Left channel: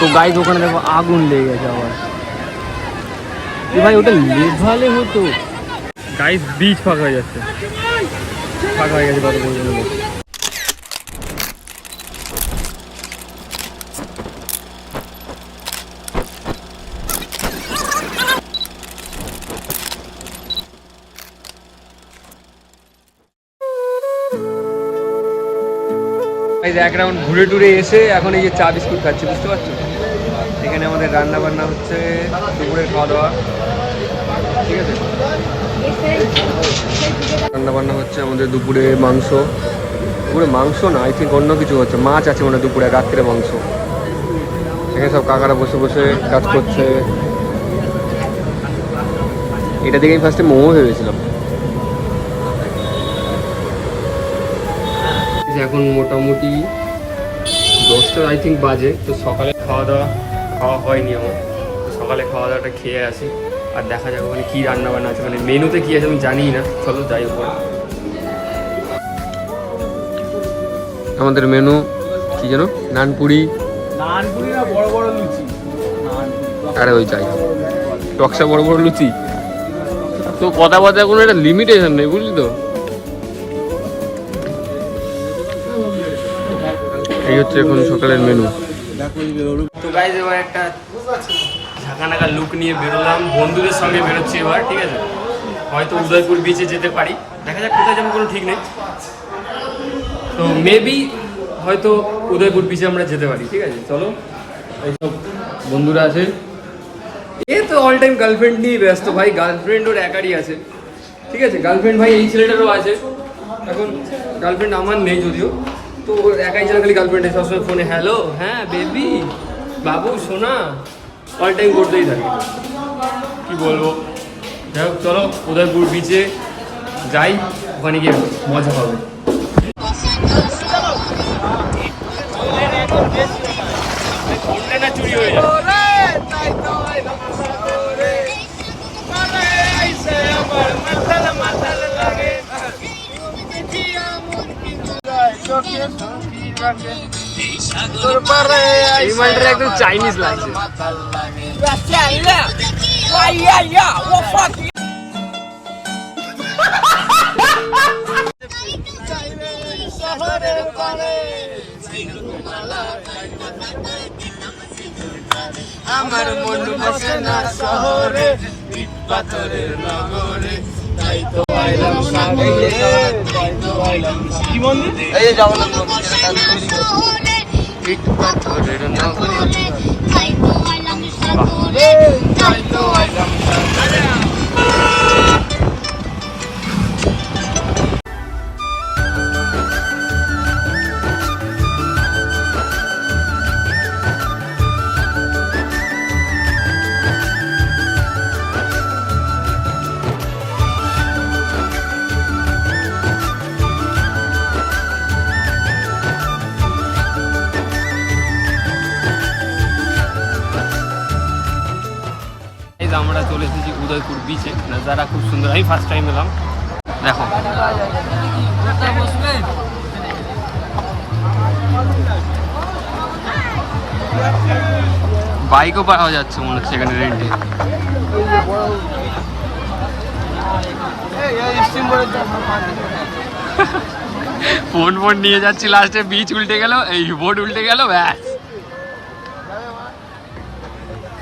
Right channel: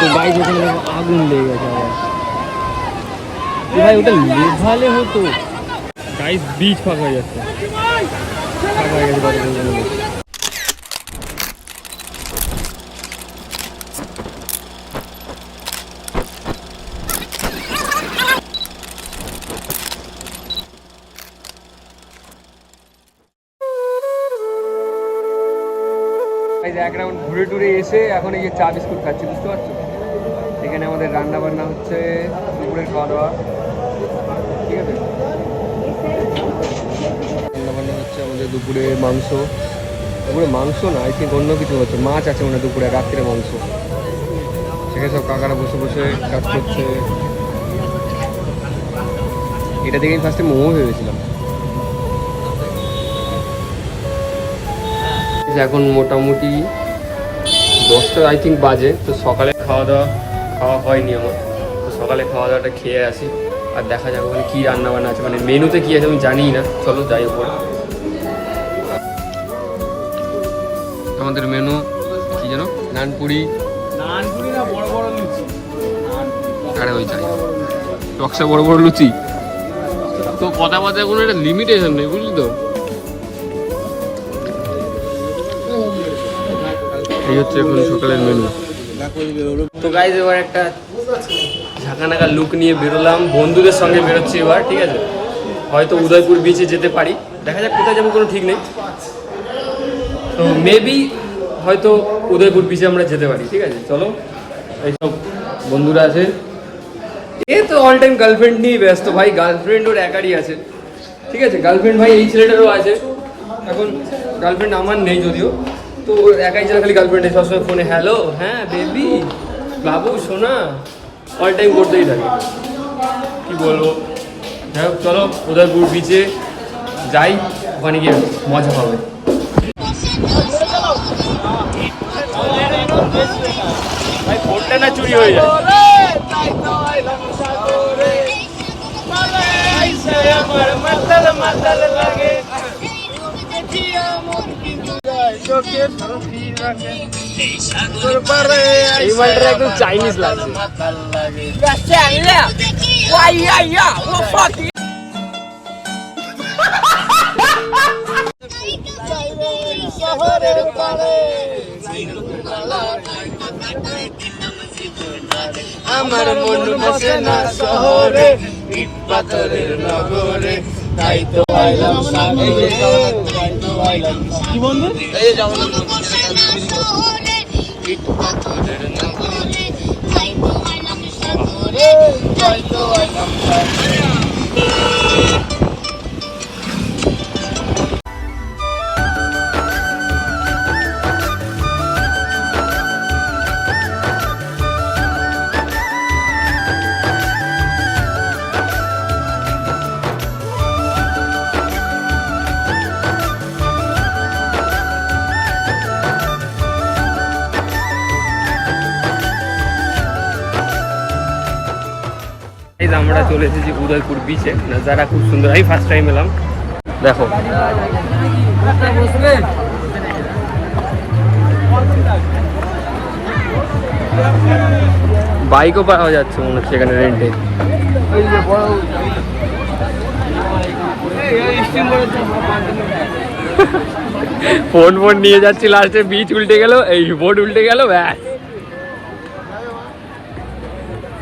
তো গাইজ ওখানে দেখো আগুন লেগে গেছে আবার। ভাই, ওটা লেভালে হতো। গাইজ বীজ ফাঁকা হয়ে যাচ্ছে। ফাঁকা হয়ে গেছে এক রাউন্ড ঘুরে টুরে এসে এখন এই যে চা বিস্কুট খাচ্ছি, বুঝতে পারছ? এখানে আমাদের রান্না বান্না হচ্ছে দুপুরের খাওয়া দাওয়া ঠিক আছে? রান্না বান্না হচ্ছে আমাদের দুপুরে মাংস। দুপুরে মাংস না আই থিঙ্ক অন্য কিছু হচ্ছে। মাছ আছে মানে দুপুরে, রাত্রে মাংস। এখানে সব কাকারা বসে বসে কাজ করছে। এটা দেখেই ফার্স্টে মোমো ভেবেছিলাম। এখন মোটামুটি দশটা আই থিঙ্ক বাজে। তো সকালে খাওয়া দাওয়া খাওয়া হয়নি আমার। তো সকালে খাওয়া দাওয়াটা খেয়ে আসি। আর দেখা যাক ওখানে কী রান্না বান্না আছে। মানে মেনুতে কী আছে আমি জানি না। চলো যাই ওপরে। আমাদের মেনু কি যেন? নানপুরি। আরে ওই চাই টকসা বড় বড় লুচি? তো কথা বার্তা কোনো একটা লিমিটেশন নেই বুঝলি তো? হচ্ছে এখন সকালের মেনু তো গাইজ এবার একটা ঝাঁকানাকা লুক নিয়ে বেরোলাম। বন্ধুদের সঙ্গে বেরোচ্ছি এবার, ঠিক আছে? হয়তো উদয়পুর বিচে যেতে পারি। দেখা যাক কোথায় যাব, কোনো ঠিক নেই। তো মেবি হয়তো উদয়পুর বিচে আমরা যেতে পারি, ঠিক আছে? চলো। এইসব বন্ধুরা আছে। এ তো অল টাইম গার্লফ্রেন্ড নিয়ে ব্যস্ত ভাই গার্লফ্রেন্ড ওর একারই আছে। ঠিক আছে? গার্লফ্রেন্ড ভাই, এই ছেলেটারও আছে। এখন গার্লফ্রেন্ড আমার নেই যদিও। তো একাই ছেলে খালি গার্লফ্রেন্ডে সবসময় ফোনে হ্যালো হ্যাঁ বেবি বাবু, সোনা অল টাইম করতেই থাকে। কি বলব? যাই হোক, চলো, উদয়পুর বিচে যাই, ওখানে গিয়ে মজা হবে। চুরি হয়ে যায়। এই মালটা একদম চাইনিজ লাগছে। আমার মন বসে না শহরে ইট পাথরের নগরে। তাই তো আইলাম সাগরে। কি মন্দির? এই যে জগন্নাথ মন্দির চলে এসেছি উদয়পুর বিচে নাজারা খুব সুন্দর। আমি ফার্স্ট টাইম এলাম। দেখো। বাইকও পাওয়া যাচ্ছে মনে হচ্ছে এখানে রেন্টে ফোন ফোন নিয়ে যাচ্ছি লাস্টে বিচ উল্টে গেল, এই বোট উল্টে গেল, ব্যাস।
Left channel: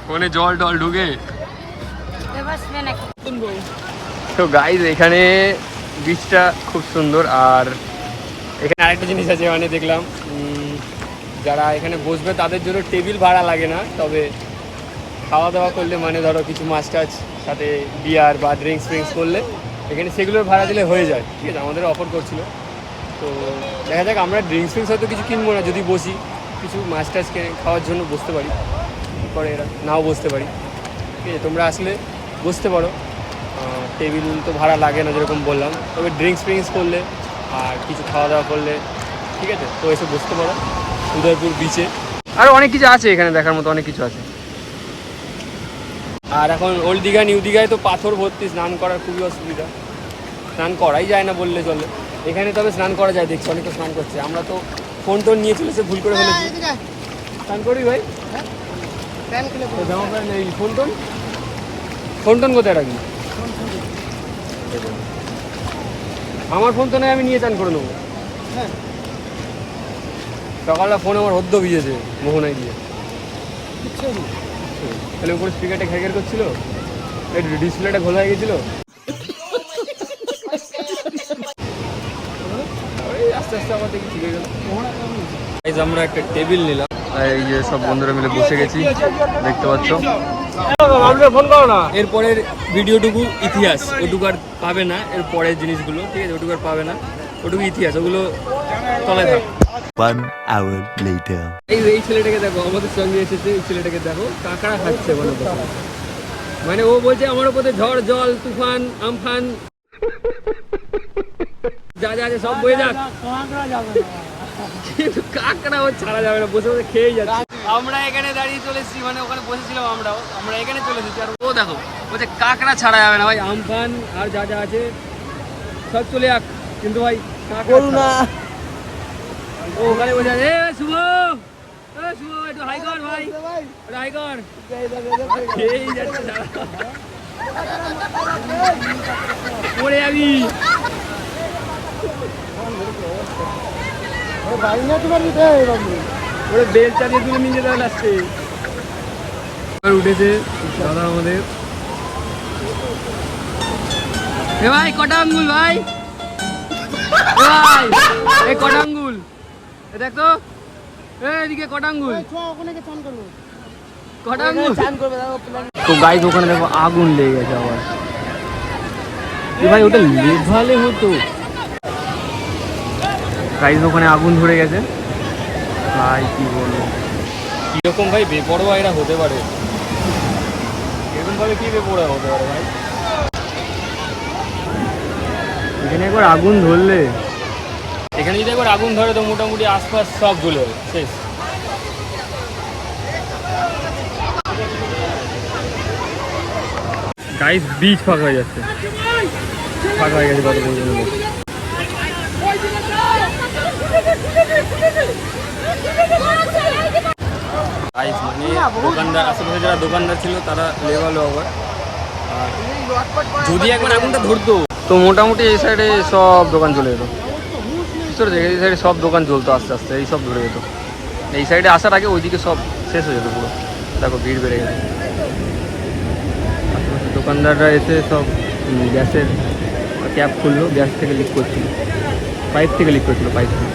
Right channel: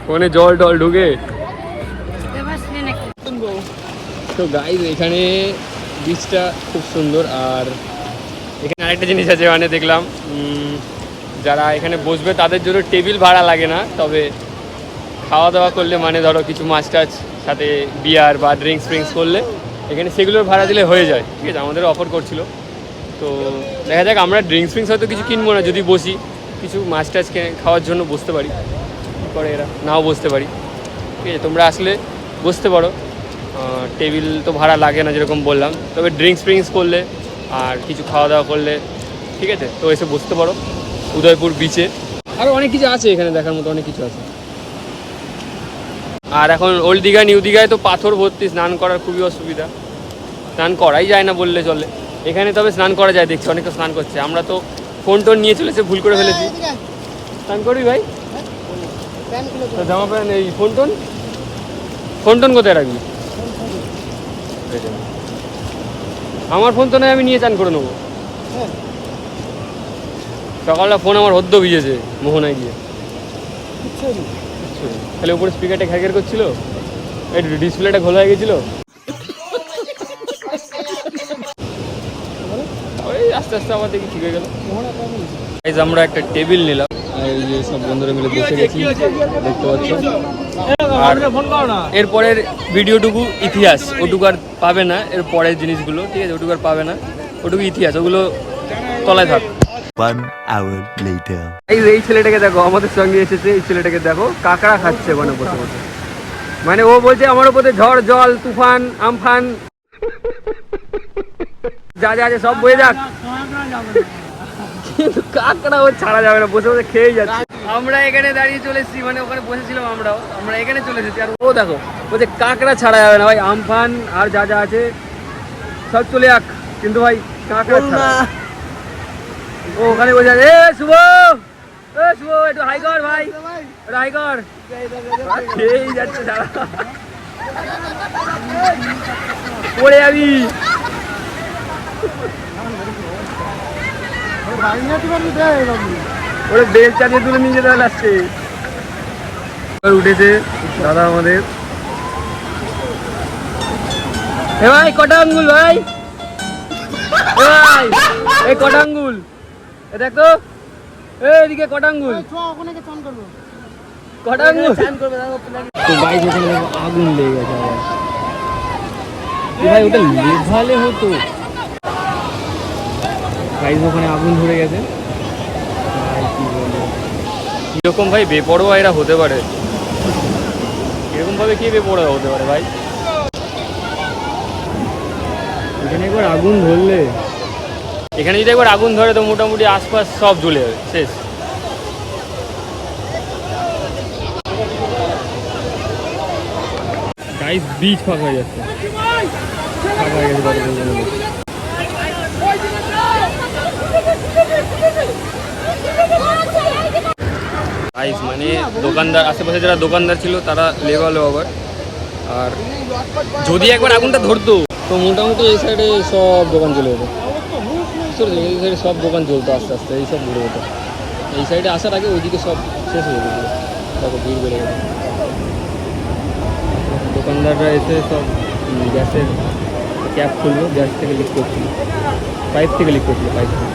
ফোনে জল টল ঢুকে। তো গাইজ এখানে বিচটা খুব সুন্দর আর এখানে আরেকটা জিনিস আছে মানে দেখলাম যারা এখানে বসবে তাদের জন্য টেবিল ভাড়া লাগে না, তবে খাওয়া দাওয়া করলে মানে ধরো কিছু মাছ টাছ সাথে বিয়ার বা ড্রিঙ্কস ফ্রিঙ্কস করলে এখানে সেগুলোর ভাড়া দিলে হয়ে যায়। ঠিক আছে আমাদের অফার করছিল। তো দেখা যাক, আমরা ড্রিঙ্কস ফ্রিঙ্কস হয়তো কিছু কিনবো না, যদি বসি, কিছু মাছ টাছ খাওয়ার জন্য বসতে পারি। করে এরা? নাও বসতে পারি। ঠিক আছে, তোমরা আসলে বসতে পারো। টেবিল তো ভাড়া লাগে না যেরকম বললাম। তবে ড্রিঙ্কস ফ্রিঙ্কস করলে আর কিছু খাওয়া দাওয়া করলে ঠিক আছে? তো এসে বসতে পারো উদয়পুর বিচে আর অনেক কিছু আছে এখানে দেখার মতো অনেক কিছু আছে। আর এখন ওল্ড দীঘা নিউ দীঘায় তো পাথর ভর্তি স্নান করার খুবই অসুবিধা। স্নান করাই যায় না বললে চলে। এখানে তবে স্নান করা যায় দেখছি অনেকটা স্নান করছে। আমরা তো ফোন টোন নিয়ে চলেছে ভুল করে ফেলেছি। স্নান করবি ভাই? হ্যাঁ? Phone tone? ফোন টোন কোথায় রাখবি? আমার ফোন তো নয়, আমি নিয়ে চান করে নেব। সকালটা ফোন আমার হদ্দ ভিজেছে, মোহনায় গিয়ে। তাহলে উপরে স্পিকারটা ঘ্যাগের করছিল, এই ডিসপ্লেটা খোলা হয়ে গেছিল। আস্তে আস্তে আমার দেখি ঠিক আমরা একটা টেবিল নিলাম এই যে সব বন্ধুরা মিলে বসে গেছি, দেখতে পাচ্ছ। এরপরের ভিডিওটুকু ইতিহাস ওটুকু আর পাবে না এর পরের জিনিসগুলো ঠিক আছে ওটুকু আর পাবে না ওটুকু ইতিহাস ওগুলো তলায় থাক। One এই এই ছেলেটাকে দেখো আমাদের সঙ্গে এসেছে এই ছেলেটাকে দেখো কাঁকড়া খাচ্ছে মানে বসে বসে। মানে ও বলছে আমার উপরে ঝড় জল তুফান আমফান। যা যা আছে সব বয়ে যাক। কাঁকড়া ও ছাড়া যাবে না বসে বসে খেয়েই যাচ্ছে। আমরা এখানে দাঁড়িয়ে চলেছি মানে ওখানে বসেছিলাম আমরাও। আমরা এখানে চলে এসেছি। আর ও দেখো বলছে কাঁকড়া ছাড়া যাবে না ভাই আমফান আর যা যা আছে সব চলে যাক। কিন্তু ভাই কাঁকড়া ও ওখানে বসে আছে। এ শুভ! এ শুভ একটু হাই কর ভাই। একটু হাই কর। খেয়েই যাচ্ছে সারা পড়ে যাবি। ওরে বেল চালিয়ে তুলে নিয়ে যেতে এবার উঠেছে দাদা আমাদের। এ ভাই, কটা আঙ্গুল ভাই? এ ভাই এই কটা আঙ্গুল? এ দেখ এ, এদিকে কটা আঙ্গুল? কটা আঙ্গুল? তো ওখানে দেখো আগুন লেগে গেছে আবার। এ ভাই, ওটা লেভালে হতো। গাইজ ওখানে আগুন ধরে গেছে। ভাই কি বলব? কীরকম ভাই বেপরোয়া এরা হতে পারে? এরকম ভাবে কি বেপরোয়া হতে পারে ভাই? এখানে একবার আগুন ধরলে। এখানে যদি একবার আগুন ধরে তো মোটামুটি আশপাশ সব জ্বলে যাবে। শেষ। গাইস বিচ ফাঁকা হয়ে যাচ্ছে। ফাঁকা হয়ে গেছে গাইস মানে দোকানদার আশেপাশে যারা দোকানদার ছিল তারা লেগালো আবার আর যদি একবার আগুনটা ধরতো তো মোটামুটি এই সাইডে সব দোকান চলে যেত। বুঝতে এই সাইডে সব দোকান চলতো আস্তে আস্তে এই সব ধরে যেত। এই সাইডে আসার আগে ওইদিকে সব শেষ হয়ে যেত পুরো। দেখো ভিড় বেড়ে গেছে। দোকানদাররা এসে সব গ্যাসের ক্যাপ খুললো গ্যাস থেকে লিক করছিল। পাইপ থেকে লিক করছিল পাইপ থেকে।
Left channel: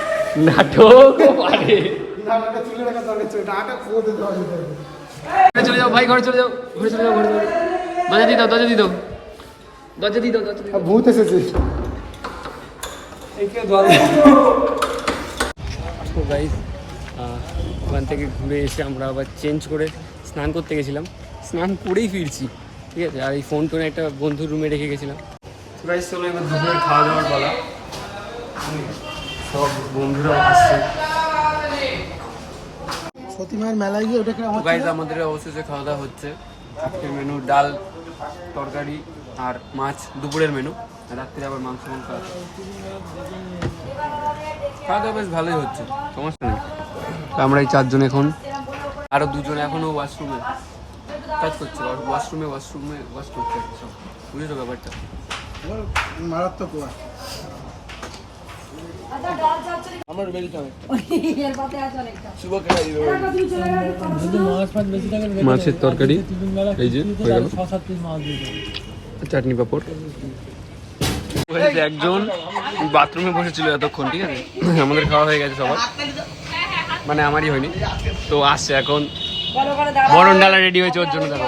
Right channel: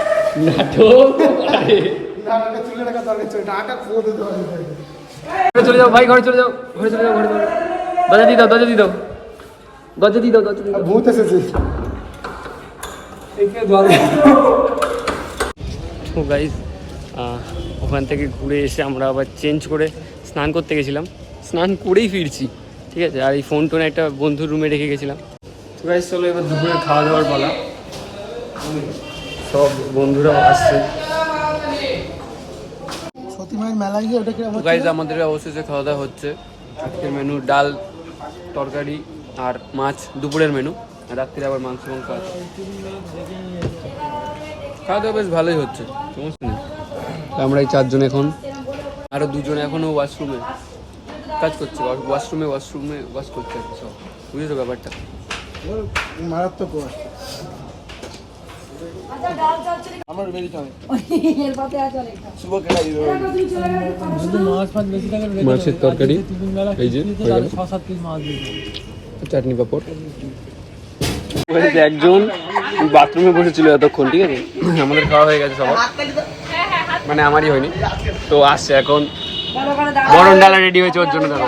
নাটক পারে ঘরে চলে যাও ভাই ঘরে চলে যাও ঘরে চলে যাও ঘরে চলে যাও। দরজা দিয়ে দাও দরজা দিয়ে দাও। দরজা দিয়ে দাও দরজা দিয়ে দাও। ভূত এসেছে। তো গাইজ ওখান থেকে ঘুরে এসে আমরা আবার চেঞ্জ করে স্নান করতে গেছিলাম। স্নান করেই ফিরছি ঠিক আছে? আর এই ফোন টোন একটা বন্ধুর রুমে রেখে গেছিলাম। তো গাইজ চলো এবার দুপুরের খাওয়া দাওয়ার পালা। সব বন্ধুরাও আসছে। সতী মেলায় গিয়ে ওটাকে গাইজ আমাদের অবশেষে খাওয়া দাওয়া হচ্ছে। আজকের মেনু ডাল তরকারি আর মাছ দুপুরের মেনু আর রাত্রে আবার মাংস মাংস আছে। খাওয়া দাওয়া বেশ ভালোই হচ্ছে সমস্যা নেই। আমরা এই চারজন এখন। আরও দুজন এখনও ওয়াশরুমে কাজ করছে ওয়াশরুমে ওয়াশরুমে ওয়াশ করছে আর কি সব। বুঝেছ ব্যাপারটা? মারাত্মক। আমার রুমে দিতে হবে। মাছের তরকারি এই যে চাটনি পাপড়। একজন বাথরুমে বসেছিল এতক্ষণ ঠিক আছে? আমাদের খাওয়া হয়ে গেছে সবার। মানে আমারই হয়নি। তো আসছে এখন। বরণ ডালা রেডি হয়েছে ওর জন্য দেখো।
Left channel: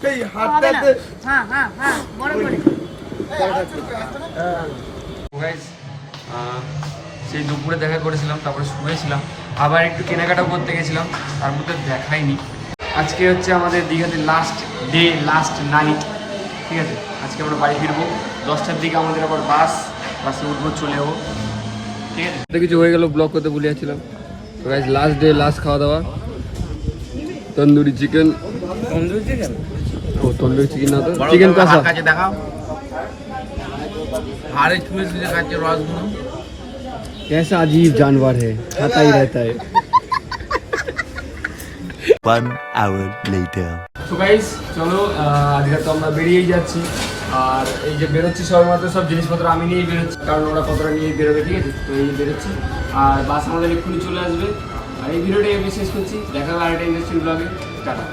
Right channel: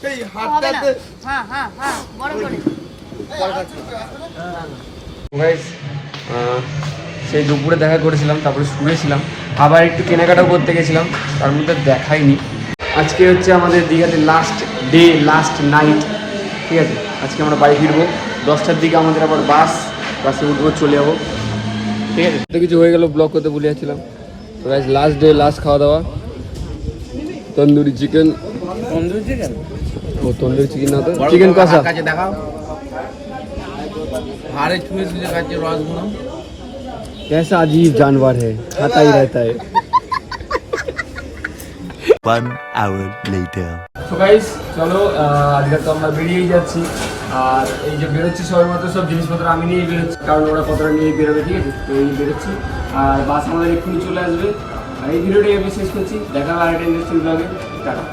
সেই সেই দুপুরে দেখা করেছিলাম, তারপরে শুয়েছিলাম। আবার একটু কেনাকাটাও করতে গেছিলাম, তার মধ্যে দেখাইনি। আজকে হচ্ছে আমাদের দীঘাতে লাস্ট ডে লাস্ট নাইট ঠিক আছে? আজকে আমরা বাড়ি ফিরবো। দশটার দিকে আমাদের আবার বাস, বাসে উঠবো, চলে যাব। ঠিক আছে? কিছু হয়ে গেল ব্লগ করতে গাইজ লাস্ট ডে লাস্ট খাওয়া দাওয়া। তন্দুরি চিকেন তন্দুরি চিকেন ও তন্দুরি চিকেন না তো চিকেন কষা কাছে দেখাও হাড়ে ছুঁয়ে ছুঁয়ে খাচ্ছে রসগুলো कैसा अजीब जानवर है खाता ही रहता है One hour later. তো গাইস চলো আহ, আজকে তো আমরা বেরিয়েই যাচ্ছি আর এই যে বেরোচ্ছি সবাই মাত্র সব জিনিসপত্র আমি নিয়ে বেরোচ্ছি কারণ ওরা কতটা নিয়ে বেরোবে ঠিক আছে তো এই বেরোচ্ছি আর বাস আমাদের এক্ষুনি চলে আসবে আর এই ভিডিওটাই আমি শেষ করছি দেখা হবে আরেকটা ইন্ডাস্ট্রি ব্লগে টাটা